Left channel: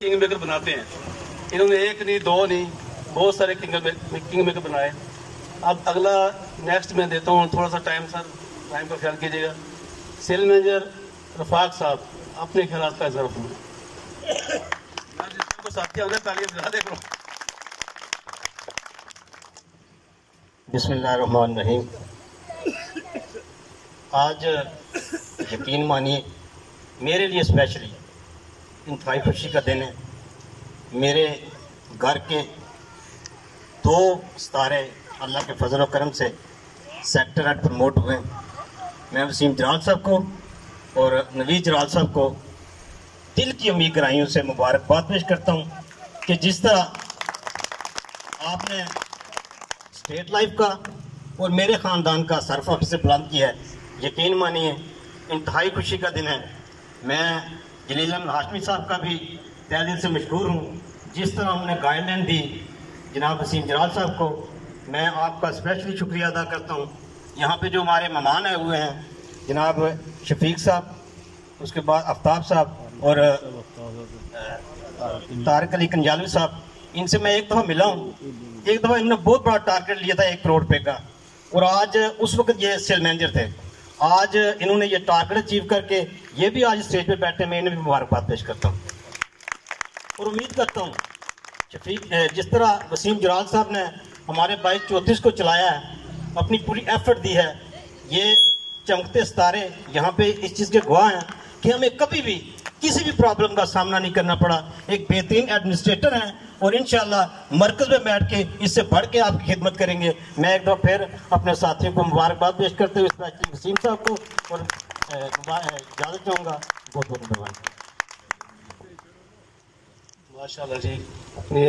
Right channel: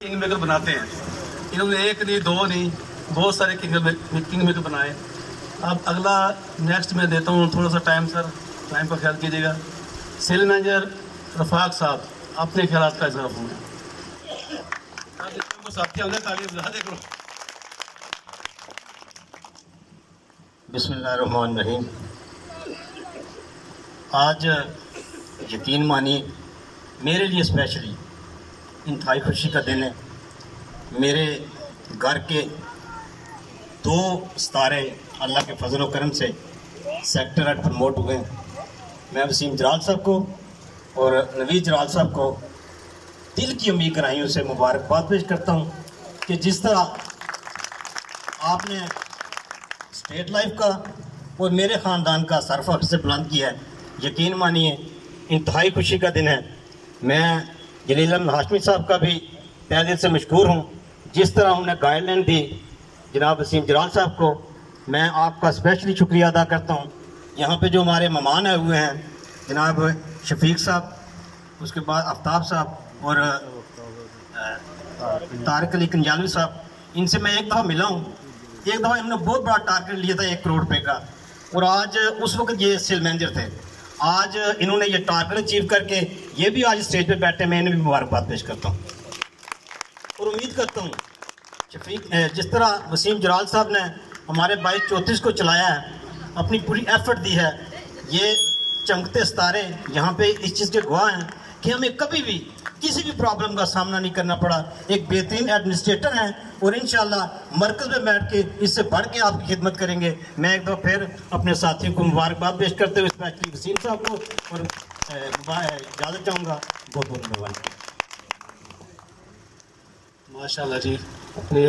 King maker बनाते हैं। इन्होंने एक नहीं दो नहीं बहुत सारे किंग मेकर बनाए। अब अगला नेक्स्ट मैं देता हूँ थोड़ा सा टाइम, सर टाइम का ख्याल कीजिएगा। सेल मैनेजर रफाक साहब अपने ख्याल का इजहार फरमाएं। बिस्मिल्लाहिर्रहमानिर्रहीम। आज यकीन मानिए मेरे लिए स्पेशली इंतहाई खुशी का दिन है। मेरे घर के 2 सितारे अल्लाह के फजल और करम से सेक्टर 8 प्रमोट हुए। मैं वसीम जराल साहब को और नवीद जराल साहब को दिल की उम्मीद गहराइयों से मुबारकबाद पेश करता हूँ कि जिस तरह आपने स्टेट लाइफ का और मेरे ख़ानदान का सरफ़ से बुलंद किया है, यकीन मानिए इंतहाई खुशी का दिन है। मैं जलील अहमद हाशमी साहब का भी तहे दिल से मशकूर हूँ। जिस तरह हमने गाइडलाइन दी जनाब वसीम जराल साहब को, मैं आपका स्पेशली शुक्रिया अदा करता हूँ। यहाँ पे जो हमारे मेहमान आए हुए हैं जनाब शफीक साहब, उसके बाद आफ्ताब साहब और तारिक अली कंजालवी साहब, इनसे मैं एक दफ़ा मिला हूँ। एक दफ़ा इन्होंने बहुत बड़ा टारगेट लिया था 1 करोड़ रुपये का, और आज उस वक्त ये सेल मैनेजर थे। आज इन्होंने ये टारगेट अचीव करके ये भी आज स्टेज पे बैठे, मैं इन्हें भी मुबारकबाद पेश करता हूँ और उम्मीद करता हूँ शफीक जिस तरह वसीम जराल साहब ने हमारे 2234 को चलाया है, अपनी पूरी एफर्ट दी है। ये चमकते सितारे यहाँ पे इस चीज़ के गवाह हैं कि हमें कभी भी किसी भी प्रॉब्लम का सामना नहीं करना पड़ा। एक बेहतरीन एडमिनिस्ट्रेटर हैं और इंशाल्लाह मरकज़ में बैठ के इससे बढ़ के आपकी खिदमत करेंगे। मैं एक दफ़ा फिर अपने साथियों को मुबारकबाद पेश करते हुए स्पेशली वसीम साहब को और इजाज़त चाहूँगा। बहुत बहुत मेहरबानी। माशाल्लाह जी, अपने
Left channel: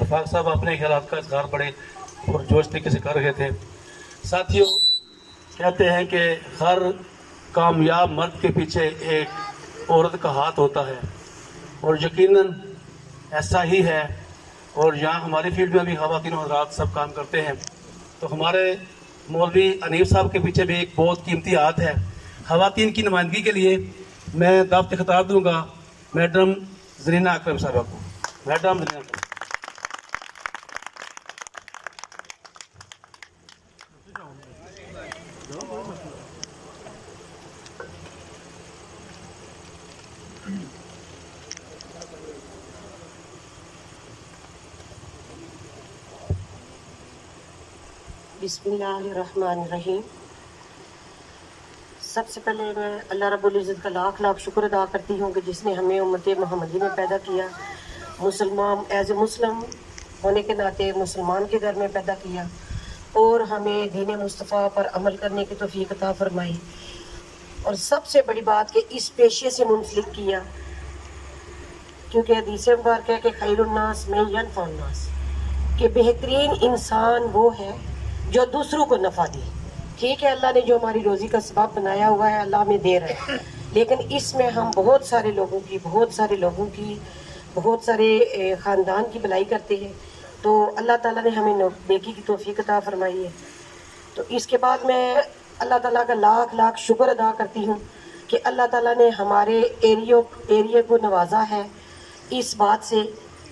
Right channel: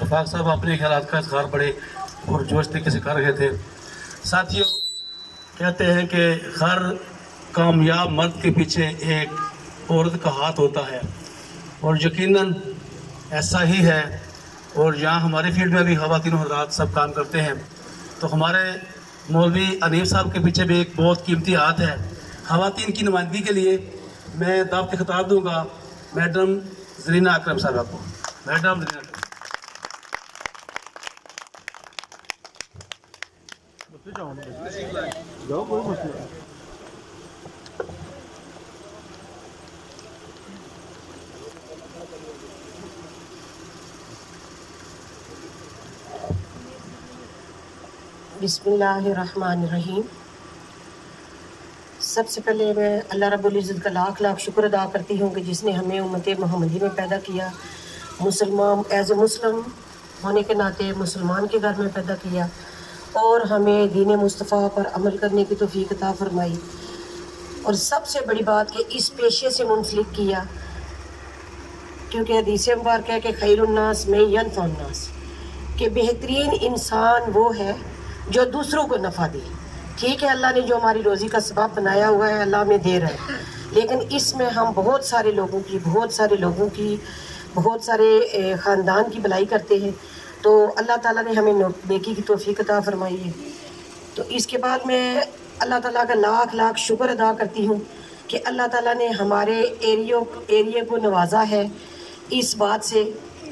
रफाक साहब अपने ख्याल का इज़हार बड़े और जोश तरीके से कर रहे थे। साथियों, कहते हैं कि हर कामयाब मर्द के पीछे एक औरत का हाथ होता है, और यकीनन ऐसा ही है। और यहाँ हमारे फील्ड में भी ख़वातीन हज़रात सब काम करते हैं, तो हमारे मौलवी अनीफ साहब के पीछे भी एक बहुत कीमती हाथ है। ख़वातीन की नुमाइंदगी के लिए मैं दावत खिताब दूँगा मैडम ज़रीना अकरम साहबा को। मैडम ज़रीना अकरम। बिस्मिल्लाहिर्रहमानिर्रहीम। सबसे पहले मैं अल्लाह रब्बुल इज़्ज़त का लाख लाख शुक्र अदा करती हूँ कि जिसने हमें उम्मत मोहम्मदी में पैदा किया, मुसलमान एज ए मुस्लिम होने के नाते मुसलमान के घर में पैदा किया, और हमें दीन मुस्तफ़ा पर अमल करने की तौफीक अता फरमाई। और सबसे बड़ी बात कि इस पेशे से मुंसलिक किया, क्योंकि हदीस मुबारक है कि खैरुन्नास में यनफ़उन्नास, कि बेहतरीन इंसान वो है जो दूसरों को नफ़ा दे। ठीक है, अल्लाह ने जो हमारी रोज़ी का सबब बनाया हुआ है अल्लाह में दे रहा है, लेकिन इसमें हम बहुत सारे ख़ानदान की भलाई करते हैं, तो अल्लाह ताला ने हमें नेकी की तौफीक अता फरमाई है। तो इसके बाद मैं अल्लाह ताला का लाख लाख शुक्र अदा करती हूँ कि अल्लाह ताला ने हमारे एरिए को नवाजा है इस बात से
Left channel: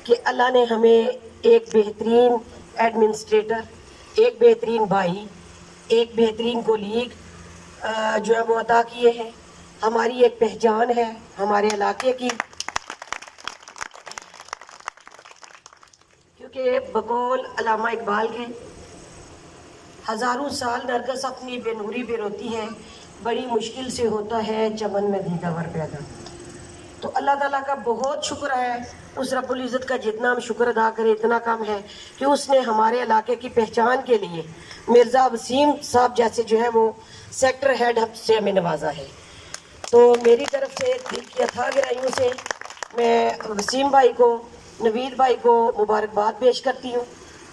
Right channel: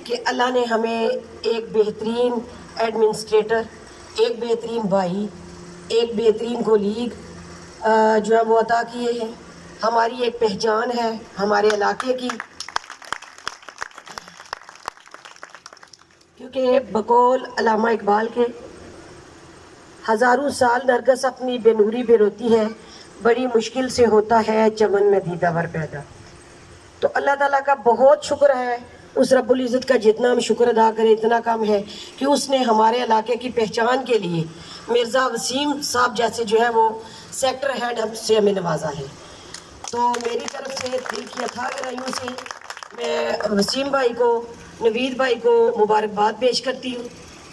कि अल्लाह ने हमें एक बेहतरीन एडमिनिस्ट्रेटर, एक बेहतरीन भाई, एक बेहतरीन कोलीग जो है वो अता किए हैं। हमारी एक पहचान है हमारे इलाके की, क्योंकि बकौल अल्लामा इकबाल के हज़ारों साल नरगिस अपनी बेनूरी पे रोती है, बड़ी मुश्किल से होता है चमन में दीदावर पैदा। तो अल्लाह ताला का बहुत शुक्र है, उस रब्बुल इज़्ज़त का जितना हम शुक्र अदा करें इतना कम है कि उसने हमारे इलाके की पहचान के लिए मिर्ज़ा वसीम साहब जैसे जो है वो सेक्टर हेड से हमें नवाजा है। तो मेरी तरफ से दिल की अथाह गहराइयों से मैं वसीम भाई को, नवीद भाई को मुबारकबाद पेश करती हूँ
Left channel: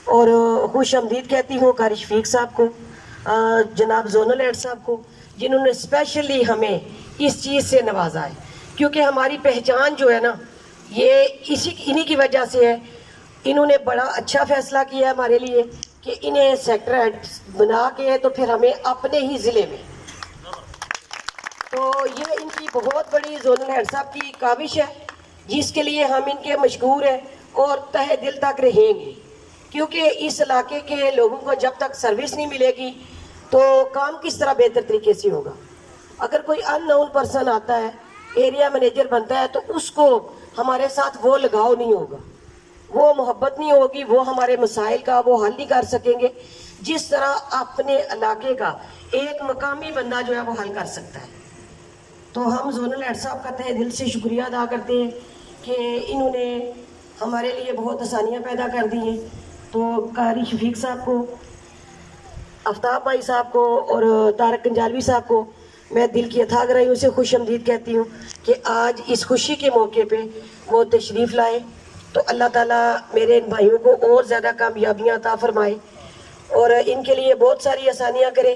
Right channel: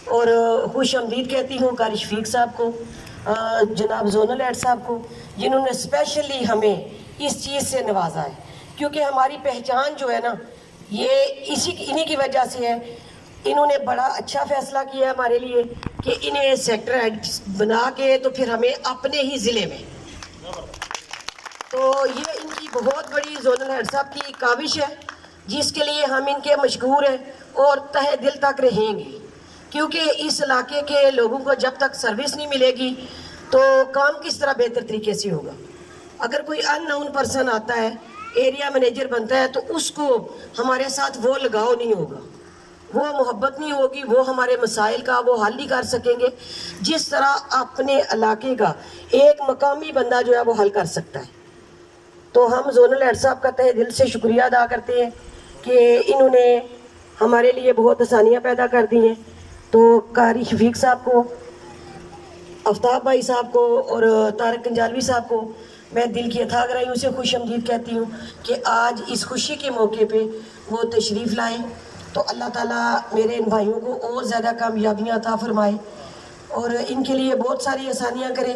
और खुश आमदीद कहती हूँ कारी शफीक साहब को, जनाब जोनल हेड साहब को, जिन्होंने स्पेशली हमें इस चीज़ से नवाजा है। क्योंकि हमारी पहचान जो है ना, ये इन्हीं की वजह से है। इन्होंने बड़ा अच्छा फैसला किया हमारे लिए कि इन्हें सेक्टर हेड बना के तो फिर हमें अपने ही ज़िले में, तो ये इनकी बहुत बड़ी जोनल हेड साहब की काविश है जिसके लिए हम इनके मशकूर हैं और तहे दिल तक रहेंगे, क्योंकि इस इलाके के लोगों को जब तक सर्विस नहीं मिलेगी तो काम किस तरह बेहतर तरीके से होगा। अगर कोई अननोन पर्सन आता है, एरिया मैनेजर बनता है, तो उसको हमारे साथ वो लगाव नहीं होगा, वो मोहब्बत नहीं होगी, वो हमारे मसाइल का वो हल नहीं कर सकेंगे जिस तरह अपने इलाके का एक मकामी बंदा जो है वो हल कर सकता है। तो हम जोनल हेड साहब का तहे दिल से शुक्रिया अदा करते हैं कि इन्होंने हमारे लिए बहुत आसानियाँ पैदा कर दी हैं। तो कारी शफीक साहब को, आफ्ताब भाई साहब को और तारक कंजालवी साहब को मैं दिल की अथाह गहराइयों से खुश आमदीद कहती हूँ कि आज इस खुशी के मौके पे वो तशरीफ़ लाए। तो अल्लाह ताला मेरे इन भाइयों को और ज़्यादा कामयाबियाँ अता फरमाए और इनके लिए बहुत सारी आसानियाँ करे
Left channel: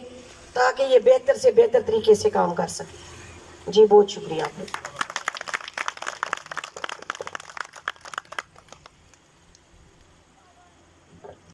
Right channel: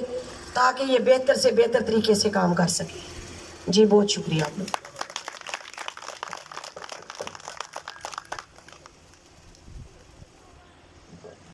ताकि ये बेहतर से बेहतर तरीके से काम कर सके। जी बहुत शुक्रिया आप लोग।